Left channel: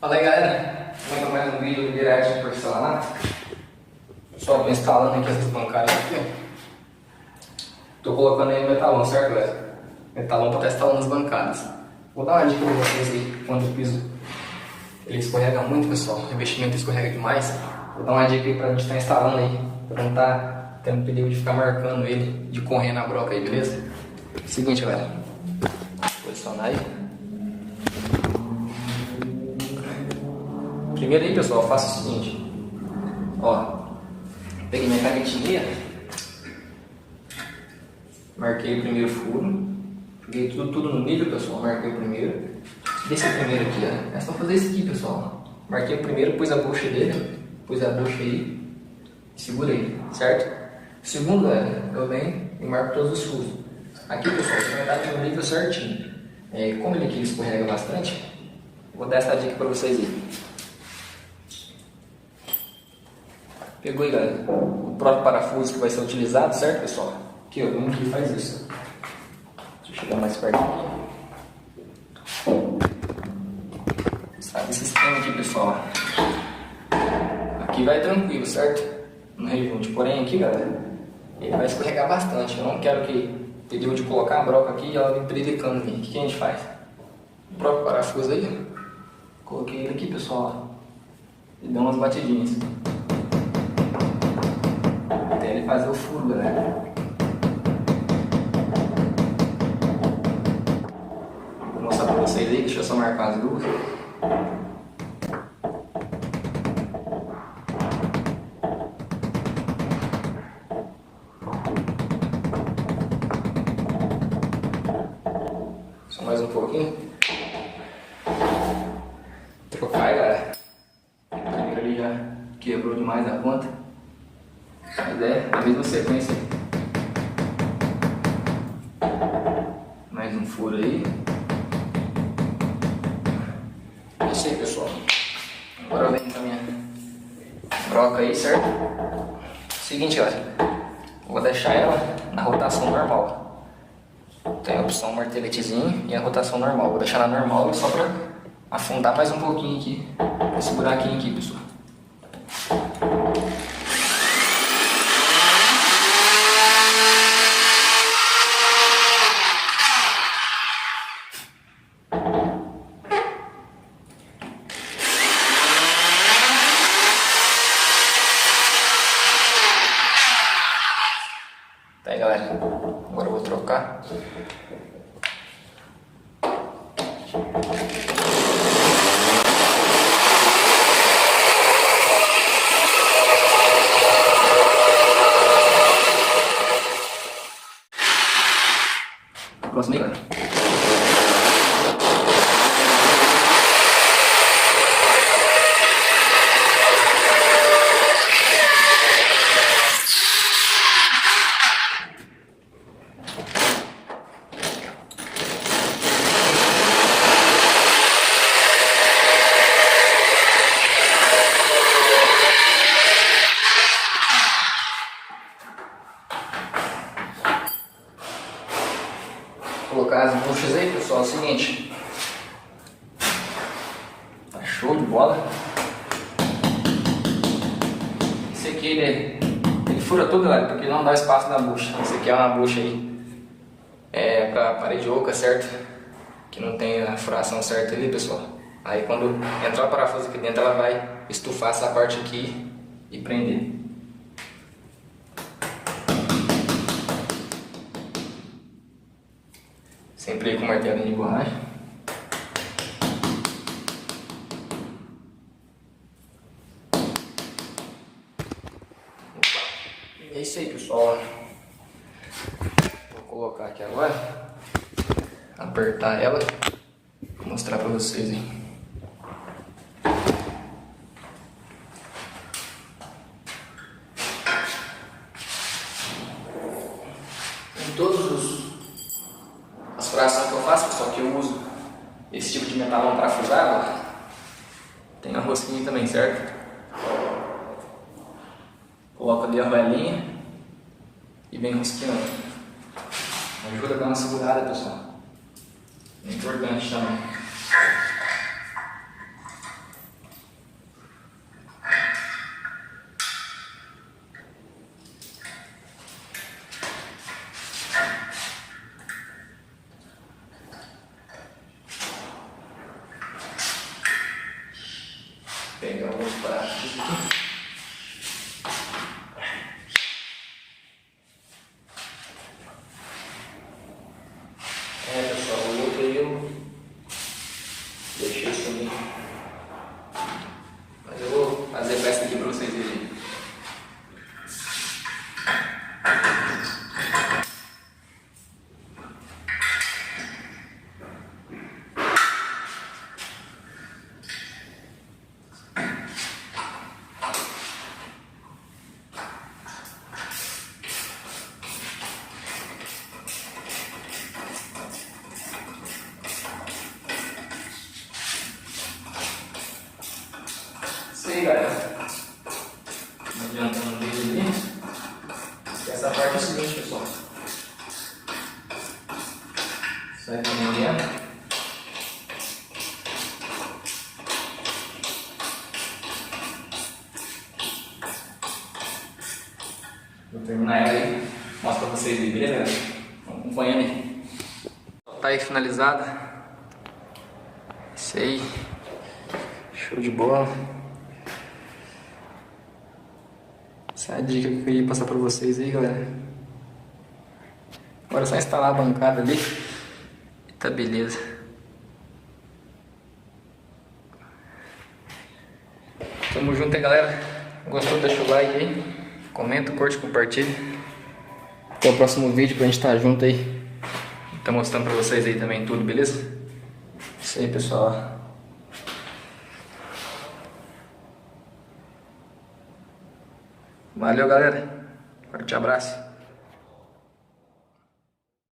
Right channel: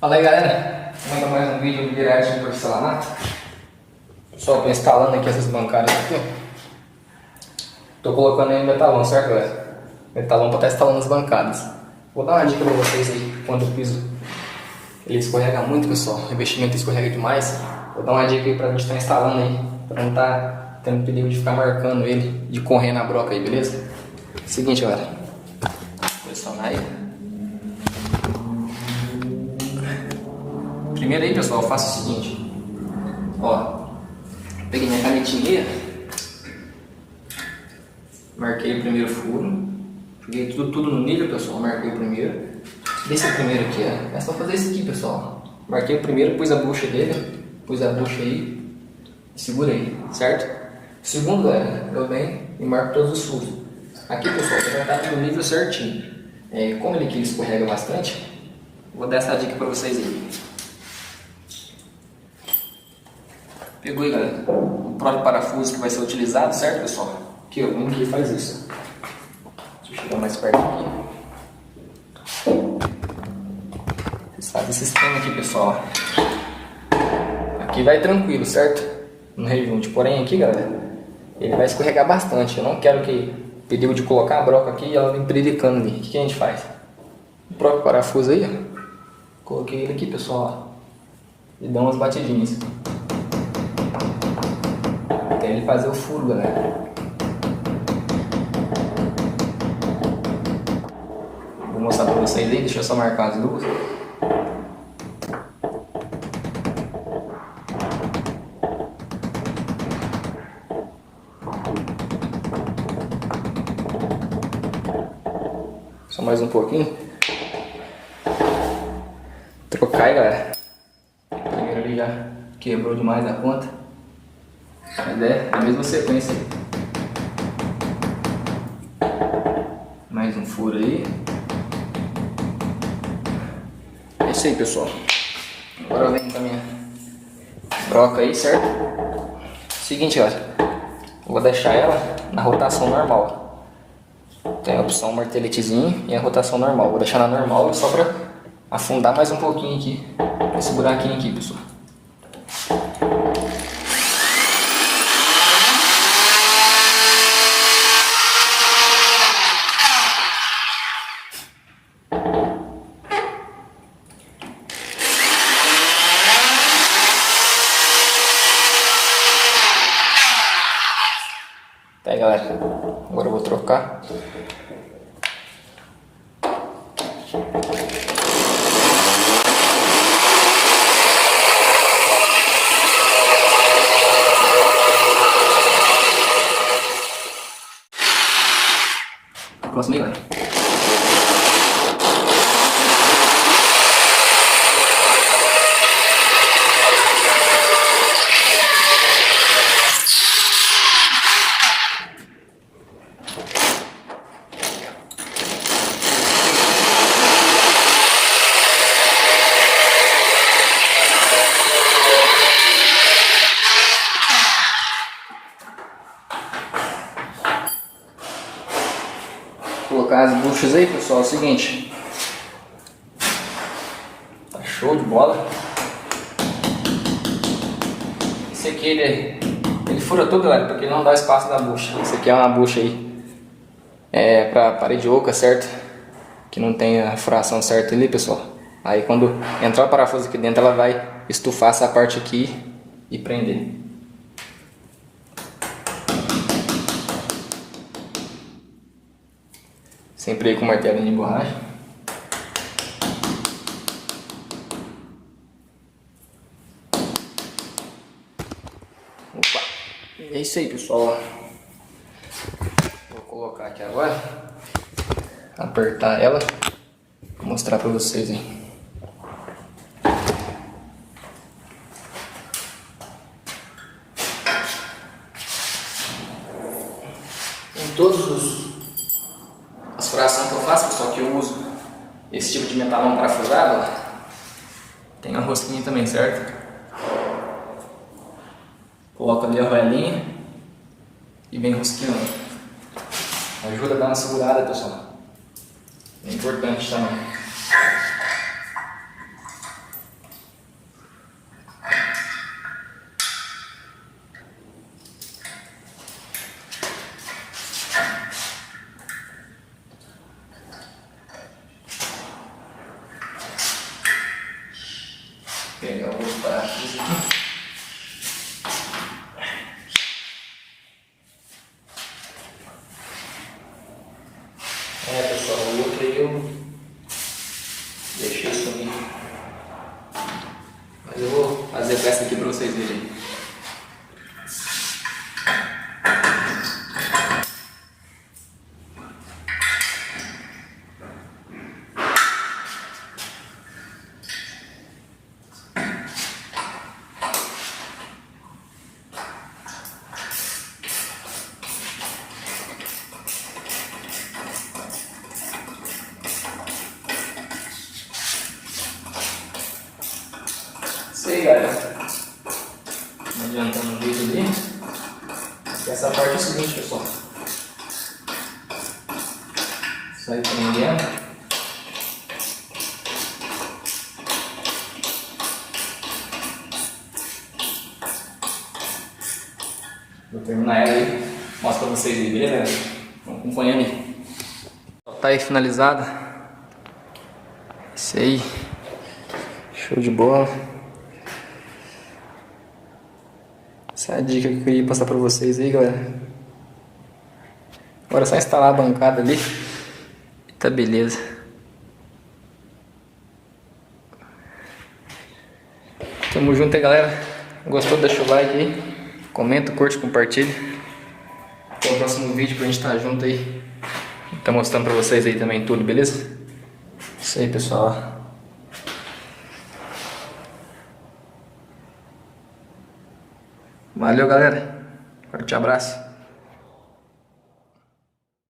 Fala aí, galera, manda mais um vídeo do Virarte de porcelanato. Pessoal, tô instalando aqui essas bancadas aqui, ó. Tô colocando aí metalão, certo, galera? Metalão pra estar instalando as bancadas. Vou dar uma dica pra vocês aí, quando o piso ele escorrega muito, pessoal, o investimento escorrega demais. Vou dar uma dica aí pra gente estar instalando aí, pra não estar tendo perigo de ficar marcando ele, de correr na broca aí, beleza? Seguinte, galera, posicionar aí. Primeiro aí, pessoal, eu faço o seguinte, ó, peguei minha canetinha, marquei o primeiro furo, joguei tudo no nível, pessoal, marquei o primeiro, desse primeiro aqui, ó, é só fazer isso aqui, pessoal, marquei o primeiro, pus a bucha dele, pus a bucha aí, e segura aí, certo? Segundo, eu venho e marco todos os furos. Aqui, pessoal, você vai estar no nível certinho, como ele aqui escorrega bastante, vou dar essa dica para vocês aí. Pegou aí, galera, o próprio parafuso que vai ser utilizado, certo, pessoal? Aqui, ó, vamos aqui e faz isso. Deixa eu chegar mais perto aqui. Vocês fazem esse esquema aqui, pessoal. Aqui vai tranquilo, certo? No rejunte. Porém, aqui, galera, ele vai escorregar bastante. Eu não quero que perigo de colocar a broca aqui e ela vem predicando ali. O que a gente faz? O próprio parafuso aí, ó. Coloquei ele aqui, pessoal, ó, e dá umas batidinhas. Até ele fazer o furo, galera. Vou mostrar pra vocês aí, deixa eu só marcar as duas. Só mais um pouquinho. Trocar aí, galera. Primeiro ele já quebrou demais a ponta. Mas é a mesma sequência. Mais um furo aí. É isso aí, pessoal. Agora eu venho com a minha broca aí, certo? Seguinte, ó. Vou deixar ela na rotação normal. Tem a opção marteletezinho e a rotação normal. Vou deixar na normal só pra afundar mais um pouquinho aqui. Esse buraquinho aqui, pessoal. Tá aí, galera, agora eu vou trocar. Próximo aí, galera. Colocar as buchas aí, pessoal, é o seguinte, tá show de bola. Esse aqui ele fura tudo, galera, porque não dá espaço na bucha. Esse aqui é uma bucha aí pra parede oca, certo? Que não tem a furação certa ali, pessoal. Aí quando entrar o parafuso aqui dentro, ela vai estufar essa parte aqui e prender. Sempre aí com martelinho de borracha. Opa. E é isso aí, pessoal. Vou colocar aqui agora. Apertar ela. Vou mostrar pra vocês aí. Em todos as furações que eu faço, pessoal, que eu uso esse tipo de metalão parafusado, tem a rosquinha também, certo? Coloco ali a velinha e vem rosqueando. Ajuda a dar uma segurada, pessoal. É importante também. Pegar os pratos aqui. Pessoal, o outro aí eu deixei sumir. Mas eu vou fazer a peça aqui para vocês verem. Isso aí, galera. Não adiantando o vídeo ali. Essa parte é o seguinte, pessoal. Isso aí também dentro. Vou terminar ela aí. Mostro pra vocês aí, beleza? Vamos acompanhando aí. Tá aí finalizada. Isso aí. Show de bola. Essa é a dica que eu queria passar pra vocês aí, galera. Agora é só instalar a bancada ali e tá beleza. Tamo junto aí, galera. Gostou? Deixa o like aí. Comenta, curte, compartilha. Até o próximo vídeo pra gente estar junto aí. Tá mostrando pra vocês aí também tudo, beleza? Isso aí, pessoal. Valeu, galera. Forte abraço.